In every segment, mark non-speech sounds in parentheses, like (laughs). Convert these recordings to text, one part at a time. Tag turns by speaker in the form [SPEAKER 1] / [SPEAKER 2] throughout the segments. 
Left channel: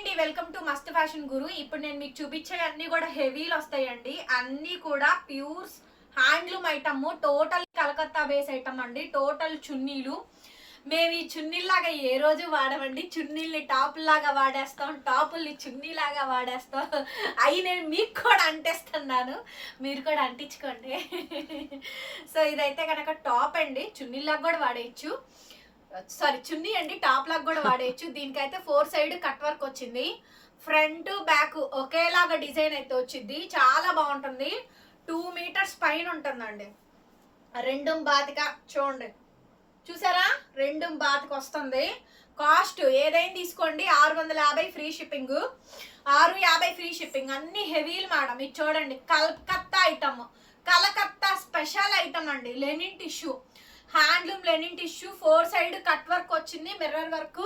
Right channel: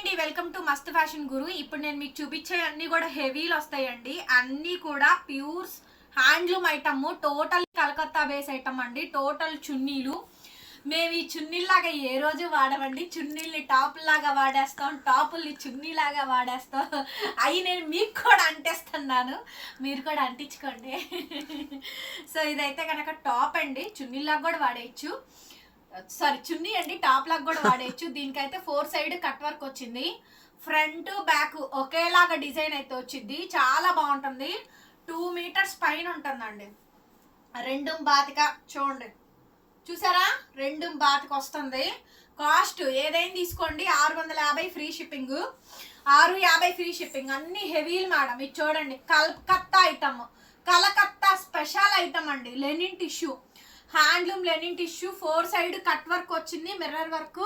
[SPEAKER 1] అండి welcome to Mast fashion Guru. ఇప్పుడు నేను మీకు చూపించే అన్ని కూడా హెవీలు వస్తాయండి. అన్ని కూడా pures handloom item total Calcutta base item అండి. టోటల్ చున్నీలు. మేము ఈ చున్నీలాగా ఏ రోజు వాడమండి? చున్నీల్ని టాప్ లాగా వాడేస్తాం టాపుల్ని చున్నీ లాగా వాడేస్తాం. అవి నేను మీకు కూడా అంటేస్తున్నాను. మీరు కూడా అంటించుకోండి. సో ఇదైతే కనుక టాప్ అండి. చున్నీలాగా కూడా వాడేయచ్చు. సారీ చున్నీ అండి టాప్ లాగా కూడా వాడేయచ్చు. దీనికైతే ఫోర్ సైడ్ కట్ వర్క్ వచ్చింది. ఫ్రంట్ బ్యాక్ ఒకేలాగా డిజైన్ అయితే వచ్చింది. చాలా బాగుంటుంది. టూ మీటర్స్ పైన ఉంటుందండి. రెండు బాతిక చూడండి. చూసారా? రెండు బాతికి వస్తుంది. కాస్ట్ ఏదైనా తీసుకోండి. ఆరు వందల యాభై ఫ్రీ షిప్పింగ్ ఆరు యాభై ఫ్రీ షిప్పింగ్ అన్ని హెవీలు మేడం. ఇది చూడండి. Calcutta item Calcutta special item అండి. Linen tissue handloom linen tissue four side cut work వచ్చింది మిర్రర్ వర్క్.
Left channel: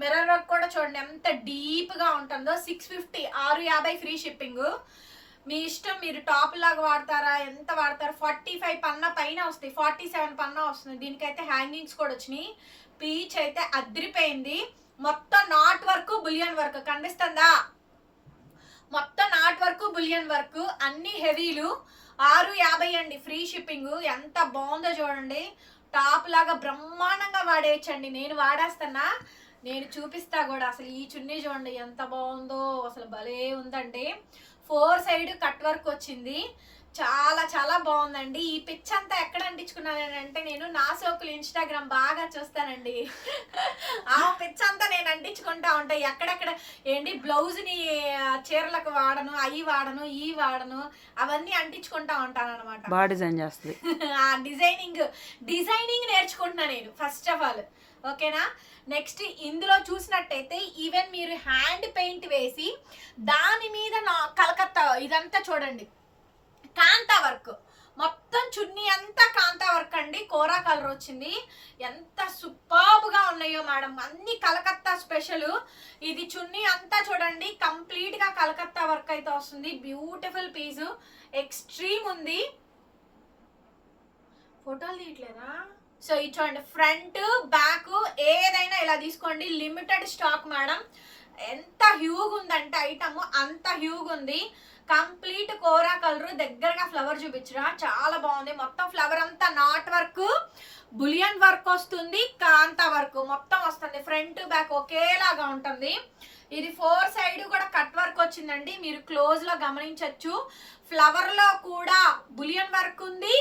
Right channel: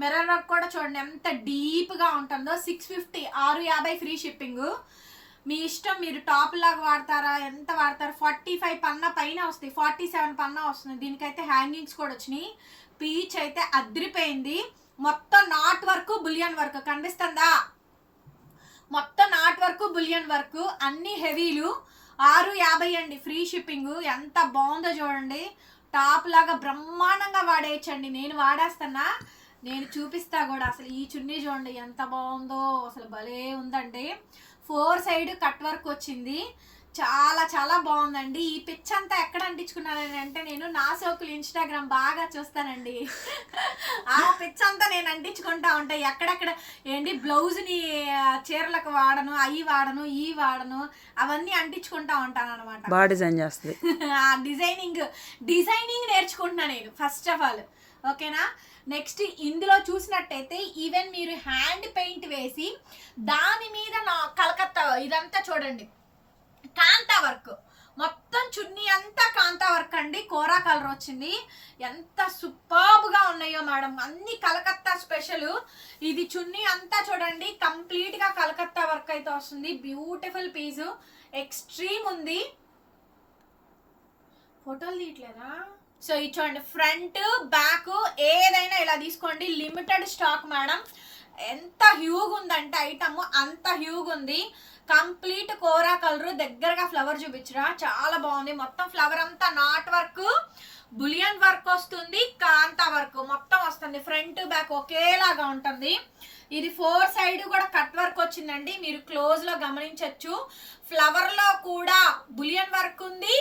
[SPEAKER 1] మిర్రర్ వర్క్ కూడా చూడండి ఎంత డీప్గా ఉంటుందో. సిక్స్ ఫిఫ్టీ ఆరు యాభై ఫ్రీ షిప్పింగ్. మీ ఇష్టం మీరు టాప్ లాగా వాడతారా ఎంత వాడతారు? ఫార్టీ ఫైవ్ పన్నా పైన వస్తుంది ఫార్టీ సెవెన్ పన్నా వస్తుంది దీనికైతే హ్యాంగింగ్స్ కూడా వచ్చినాయి. పీచ్ అయితే అదిరిపోయింది. మొత్తం నాట్ వర్క్ బులియన్ వర్క్. కనిపిస్తుందా మొత్తం నాట్ వర్క్ బులియన్ వర్క్. అన్ని హెవీలు. ఆరు యాభై అండి ఫ్రీ షిప్పింగ్. ఎంత బాగుందో చూడండి. టాప్ లాగా బ్రహ్మాండంగా వాడేయచ్చండి. నేను వాడేస్తున్నా నేను చూపిస్తా కూడా. అసలు ఈ చున్నీ చూడండి ఎంత బాగుందో. అసలు భలే ఉందండి. ఫోర్ సైడ్ కట్ వర్క్ వచ్చింది. చాలా చాలా బాగుందండి. ఈ పిచ్ అంతా ఎక్కడ అంటించుకున్నానని అంటే నేను నా సోకులు ఇన్స్టాగ్రామ్ బాగా చూస్తానండి. ఆ పిచ్ అంతా నేను అంటించుకుంటా ఉంటాయి ఎక్కడెక్కడ ఏంటి బ్లౌజ్ని చీరలకు వాడను అవి వాడను ఈ వాడను అవన్నీ అంటించుకుంటా ఉంటాను అనమాట
[SPEAKER 2] బాగా డిజైన్ చేస్తుంది. (laughs)
[SPEAKER 1] ఆ డిజైనింగ్ డిజైనింగ్ నేర్చుకుంటున్నా నేను ఫస్ట్ ఆఫ్ ఆల్ ఓకేనా? నెక్స్ట్ ఇందులో చూసినట్టయితే ఈవెన్ మీరు హ్యాండ్ పెయింట్ వేసి దాని మీద నా కలకత్తా ఇదంతా చూడండి. కాంతా వర్క్. మొత్తం చున్నీ అంతా కాంతా వర్క్ అండి. కోరా కలర్ వచ్చింది. ఎంత సూపర్బ్గా ఉన్నాయో మేడం. అన్ని కలకత్తా స్పెషల్. ఇది చున్నీ అంతా చూడండి. కంప్లీట్గా కలకత్తా వర్క్ అయితే వస్తుంది. Beautiful piece. ఎక్స్ట్రీమ్ ఉంది. ఫోటోలు తీయట్లేదా? సో ఇది చూడండి. ఫ్రంట్ బ్యాక్ ఏదైనా ఇలా తీసుకోండి. Limited stock madam. ఎంత హ్యూగ్ ఉందంటే ఐటమ్ అంత హ్యూగ్ ఉంది కంప్లీట్ కోరా కలర్ దగ్గరగా ఫ్లవర్ చూపించరా. చాలా బాగుంది. మొత్తం ఫ్లవర్ అంతా నాట్ వర్క్ బులియన్ వర్క్ వస్తుంది కాంతా వర్క్. మొత్తం వస్తుంది. ఫ్రంట్ బ్యాక్ ఒకేలాగా ఉంటుంది. ఇది ఫోర్ సైడ్ కూడా కట్ వర్క్ వచ్చిందండి. మీరు క్లోజ్లో గమనించవచ్చు ఫ్లవర్లో కూడా బులియన్ వర్క్ ఉంది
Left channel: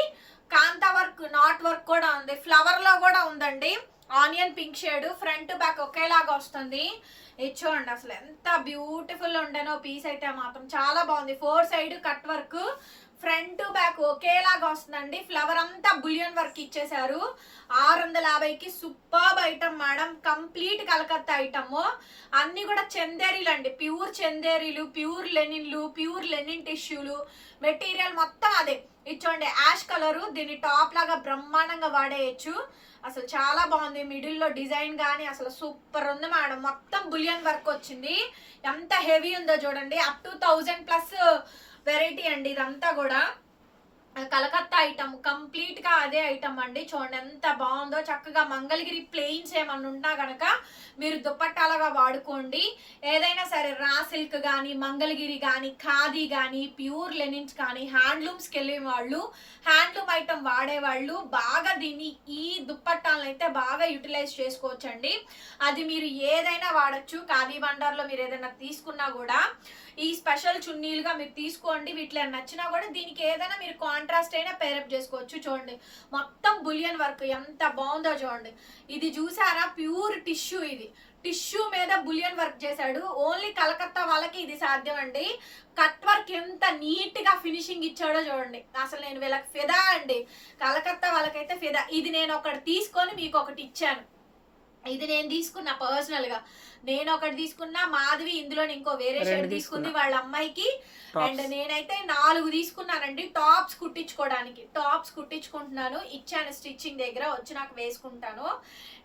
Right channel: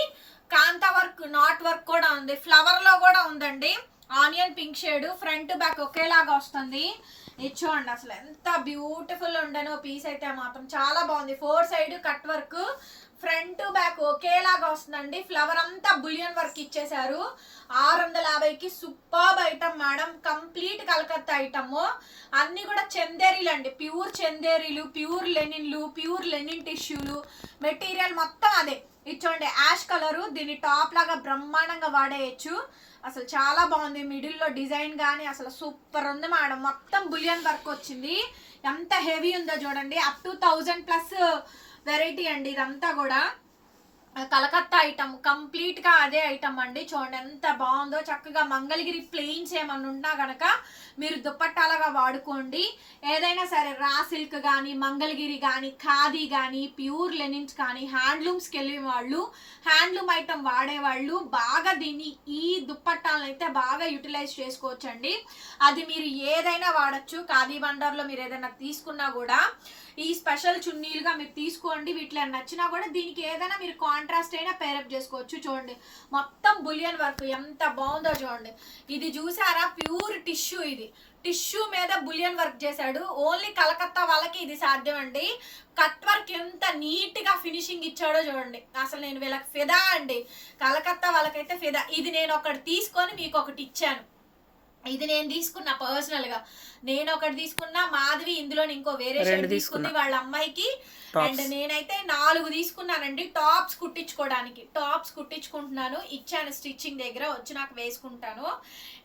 [SPEAKER 1] కాంతా వర్క్ నాట్ వర్క్ కూడా ఉంది. ఫ్లవర్లో కూడా ఉందండి. Onion pink shade front back ఒకేలాగా వస్తుంది. ఇది చూడండి అసలు ఎంత బ్యూటిఫుల్ ఉండనో పీస్ అయితే మాత్రం చాలా బాగుంది. Four side cut work front back ఒకేలాగా వస్తుందండి. ఫ్లవర్ అంతా బులియన్ వర్క్ ఇచ్చేసారు ఆరు వందల యాభైకి super item madam. Complete Calcutta item. అన్ని కూడా చందేరీలు అండి. ప్యూర్ చందేరీలు ప్యూర్ లెనిన్లు ప్యూర్ లెనిన్ టిష్యూలు మెటీరియల్ మొత్తం అదే. ఇది చూడండి యాష్ కలరు. దీన్ని టాప్ లాగా బ్రహ్మాండంగా వాడేయచ్చు. అసలు చాలా బాగుంది. మిడిల్లో డిజైన్ కానీ అసలు సూపర్ ఉంది మేడం. మొత్తం బులియన్ వర్క్ వచ్చింది. ఎంత హెవీ ఉందో చూడండి. Up to thousand plus variety అండి ఇదంతా కూడా. కలకత్తా ఐటమ్ కంప్లీట్గా అదే ఐటమ్ అండి. చూడండి ఎంత బాగుందో. చక్కగా మంగళగిరి ప్లెయిన్స్ ఏమన్నా ఉన్నా గనక మీరు దుప్పట్టాలుగా వాడుకోండి. ఏదైనా సరే రా సిల్క్ కానీ మంగళగిరి కానీ ఖాదీ కానీ ప్యూర్ లెనిన్స్ కానీ హ్యాండ్లూమ్స్కి వెళ్ళే వాళ్ళు హ్యాండ్లూమ్ ఐటమ్ వాడేవాళ్ళు బాగా దీన్ని ఈ దుప్పట్టాలను అయితే బాగా యూటిలైజ్ చేసుకోవచ్చండి. అది మీరు ఏదైనా వాడచ్చు. ఖాదీ బండార్లో మీరు ఏదైనా తీసుకున్నా కూడా ఈ స్పెషల్ చున్నీలుగా మీరు తీసుకోండి. వీటిలో నచ్చినా కూడా దీనికి ఏదైనా మీరు కాంట్రాస్ట్ అయినా పేరప్ చేసుకోవచ్చు. చూడండి. మొత్తం బులియన్ వర్క్ ఎంత బాగుందో చూడండి. ఇది చూసారా? ప్యూర్ టిష్యూ ఇది. టిష్యూ మీద బులియన్ వర్క్ చేశాడు. ఓన్లీ కలకత్తా వాళ్ళకి ఇది సాధ్యం అండి కట్ వర్క్ ఎంత నీట్గా ఫినిషింగ్ ఇచ్చాడో చూడండి. అసలు నేను వీళ్ళకి ఫిదా అండి. కలకత్తా వాళ్ళకైతే ఫిదా. ఇది నేను ఒకటి తీసుకొని మీకు ఒకటి ఇచ్చాను. ఇది నేను తీసుకున్నా పర్సనల్గా. నేను ఒకటి తీసుకున్నా మాధవి ఇందులో ఇంకో వేరే షర్ట్ తీసుకుంది. వాళ్ళ అమ్మాయికి. అండ్ నేనైతే నాలుగు తీసుకున్నానండి. టాప్స్ కుట్టించుకోవడానికి టాప్స్ కుట్టించుకుంటున్నాను. ఇచ్చాను స్టిచ్చింగ్ దగ్గర. వచ్చి నాకు వేసుకుంటాను.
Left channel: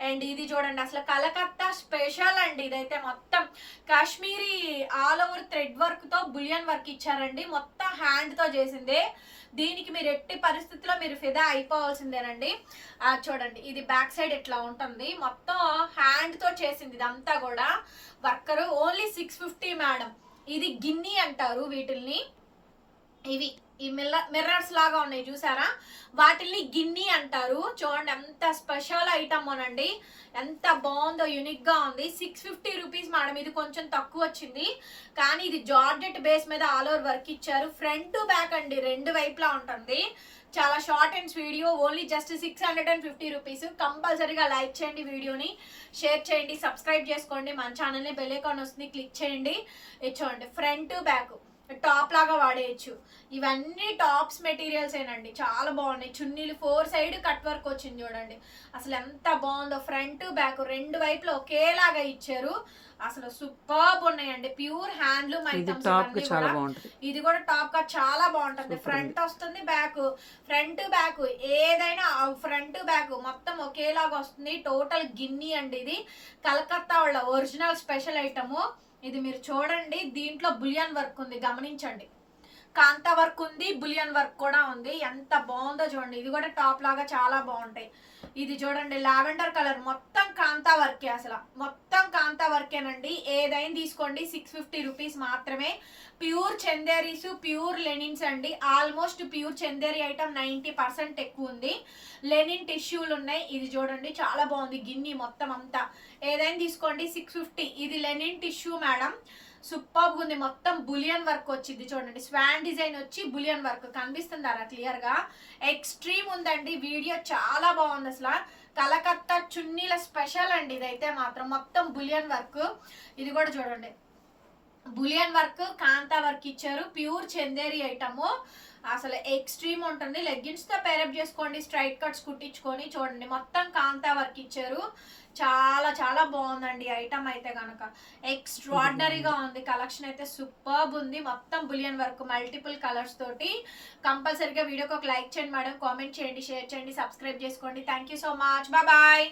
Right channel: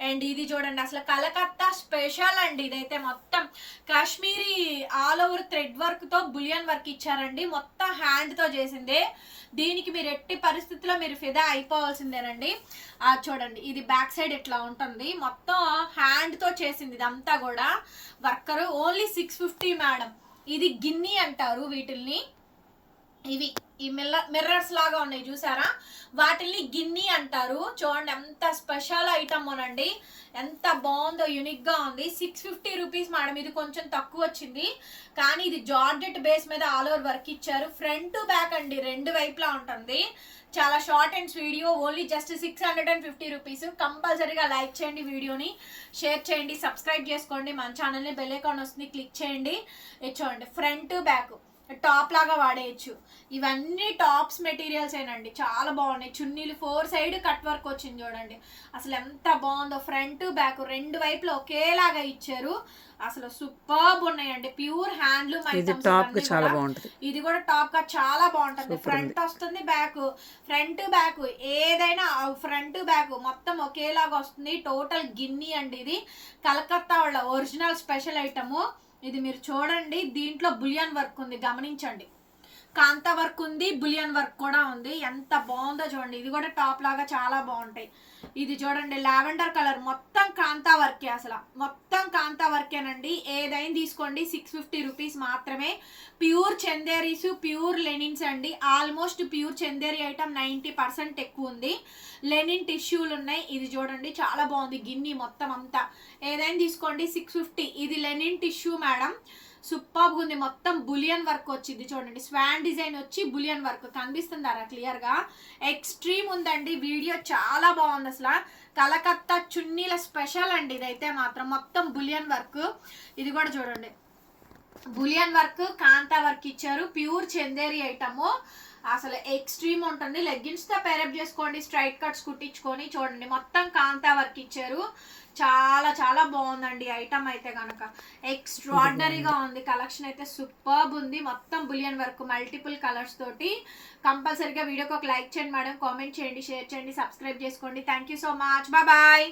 [SPEAKER 1] అండ్ ఇది చూడండి అసలు కలకత్తా స్పెషల్ అండి ఇదైతే మొత్తం. కాశ్మీరీ ఆల్ ఓవర్ థ్రెడ్ వర్క్తో బులియన్ వర్క్ ఇచ్చారండి. మొత్తం హ్యాండ్తో చేసిందే. దీనికి మీరు ఎట్టి పరిస్థితుల్లో మీరు ఫిదా అయిపోవాల్సిందేనండి. చూడండి ఇది బ్యాక్ సైడ్ ఇట్లా ఉంటుంది? మొత్తం హ్యాండ్తో చేసింది ఇదంతా కూడా. Worker only six fifty madam ఇది గిన్ని అంటారు వీటిల్ని. ఇవి ఈ మిల్ల మిర్రర్స్ లాగా ఉన్నాయి చూసారా? వాటిల్ని గిన్ని అంటారు. చూడండి ఎంత స్పెషల్ ఐటమ్ అనండి. ఎంత బాగుందో యూనిక్గా ఉంది. సిక్స్ ఫిఫ్టీ రూపీస్ మేడం ఇది కొంచెం తక్కువ వచ్చింది. కానీ ఇది జార్జెట్ బేస్ మీద ఆల్ ఓవర్ వర్క్ ఇచ్చారు. ఫ్రంట్ బ్యాక్ అండి రెండు వైపులా ఉంటుంది. చాలా short and video only just six hundred and fifty rupees కంపల్సరీగా లైక్ చేయండి వీడియోని షేర్ చేయండి సబ్స్క్రైబ్ చేసుకోండి. మన ఛానల్ని బెల్ ఐకాన్ వస్తుంది క్లిక్ చేయండి. ఇచ్చోండి చూడండి ఫ్రంట్ బ్యాక్ టాప్ లాగా వాడేయచ్చు. ఇవన్నీ టాప్స్ మెటీరియల్స్ ఏనండి. చాలా బాగున్నాయి. చున్నీలు ఫోర్ సైడ్ కట్ వర్క్ వచ్చింది చూడండి. అసలు ఎంత బాగుందో. ఫ్రంట్ బ్యాక్ రెండు వైపులు ఒకేలాగా ఇచ్చారు. అసలు సూపర్బ్ ఉన్నాయండి. ప్యూర్ హ్యాండ్లూమ్ ఐటమ్స్
[SPEAKER 2] చాలా బాగుంటది.
[SPEAKER 1] ఇది కూడా టాప్గా చాలా బాగుంటుంది. ఫ్రంట్ వస్తుంది బ్యాక్. ఫ్రంట్ బ్యాక్ ఏదైనా ఫ్రంట్ బ్యాక్ మొత్తం ఒకేలాగా వస్తుంది. టోటల్ గిన్ని అండి ఇది. కలకత్తా వాళ్ళ ఒరిజినల్ స్పెషల్ ఐటమ్. ఇది మీరు చూడండి దీంట్లో బులియన్ వర్క్ ఉంది గమనించండి. కాంతా వర్క్ ఉంది బులియన్ వర్క్ కూడా ఉంది. ఎంత బాగుందో చూడండి. ఇది కూడా టాప్ లాగా చాలా బాగుంటాయి. ఇది చూడండి లావెండర్ కలర్. మొత్తం కాంతా వర్కే అసలు. మొత్తం కాంతా వర్కేనండి. ఏదైనా తీసుకోండి. సిక్స్ ఫిఫ్టీ రూపీస్ మాత్రమే. ప్యూర్ చందేరీస్ ప్యూర్ లెనిన్స్ అండి. Almost pure Chanderi item ninety percent ఎక్కువ ఉంది. లెనిన్ టిష్యూలు ఉన్నాయి. ఇది చూడండి చాలా బాగుంది గిన్ని మొత్తం అంతా. ఏదైనా తీసుకోండి. Six fifty. ఇది లెనిన్ టిష్యూ మేడం. సూపర్గా ఉంది. మొత్తం బులియన్ వర్క్ వచ్చింది చూడండి. స్వాన్ డిజైన్ వచ్చి బులియన్ వర్క్. కనిపిస్తుందారా క్లియర్గా ఎక్స్ట్రీమ్ ఉందండి. వీడియో చాలా బాగుంది అసలు. కలకత్తా చున్నీల స్పెషల్ అండి ఇదైతే మాత్రం. మొత్తం బులియన్ వర్క్. ఇది కూడా చూడండి. బులియన్ వర్క్ కాంతా వర్క్ ఇచ్చారు. Pure Chanderi item. అసలు ఎక్స్ట్రీమ్ ఉంటుంది. లెగ్గిన్స్తో పేరప్ చేసుకోండి. స్ట్రైట్ కట్స్ కుట్టించుకొని చూడండి. మొత్తం కాంతా వర్క్ ఇచ్చారు. చాలా చాలా బాగుందండి. ఐటమ్ అయితే కనుక ఎక్స్ట్రాడినరీగా ఉంది. కలెక్షన్ అయితే సూపర్బ్ ఉంది. మొత్తం బులియన్ వర్క్ మల్టిపుల్ కలర్స్ తోటి. కంపల్సరీగా వీడియోకి ఒక లైక్ చేయండి మేడం. కామెంట్ చేయండి షేర్ చేయండి సబ్స్క్రైబ్ చేసుకోండి. Thank you so much. Bye.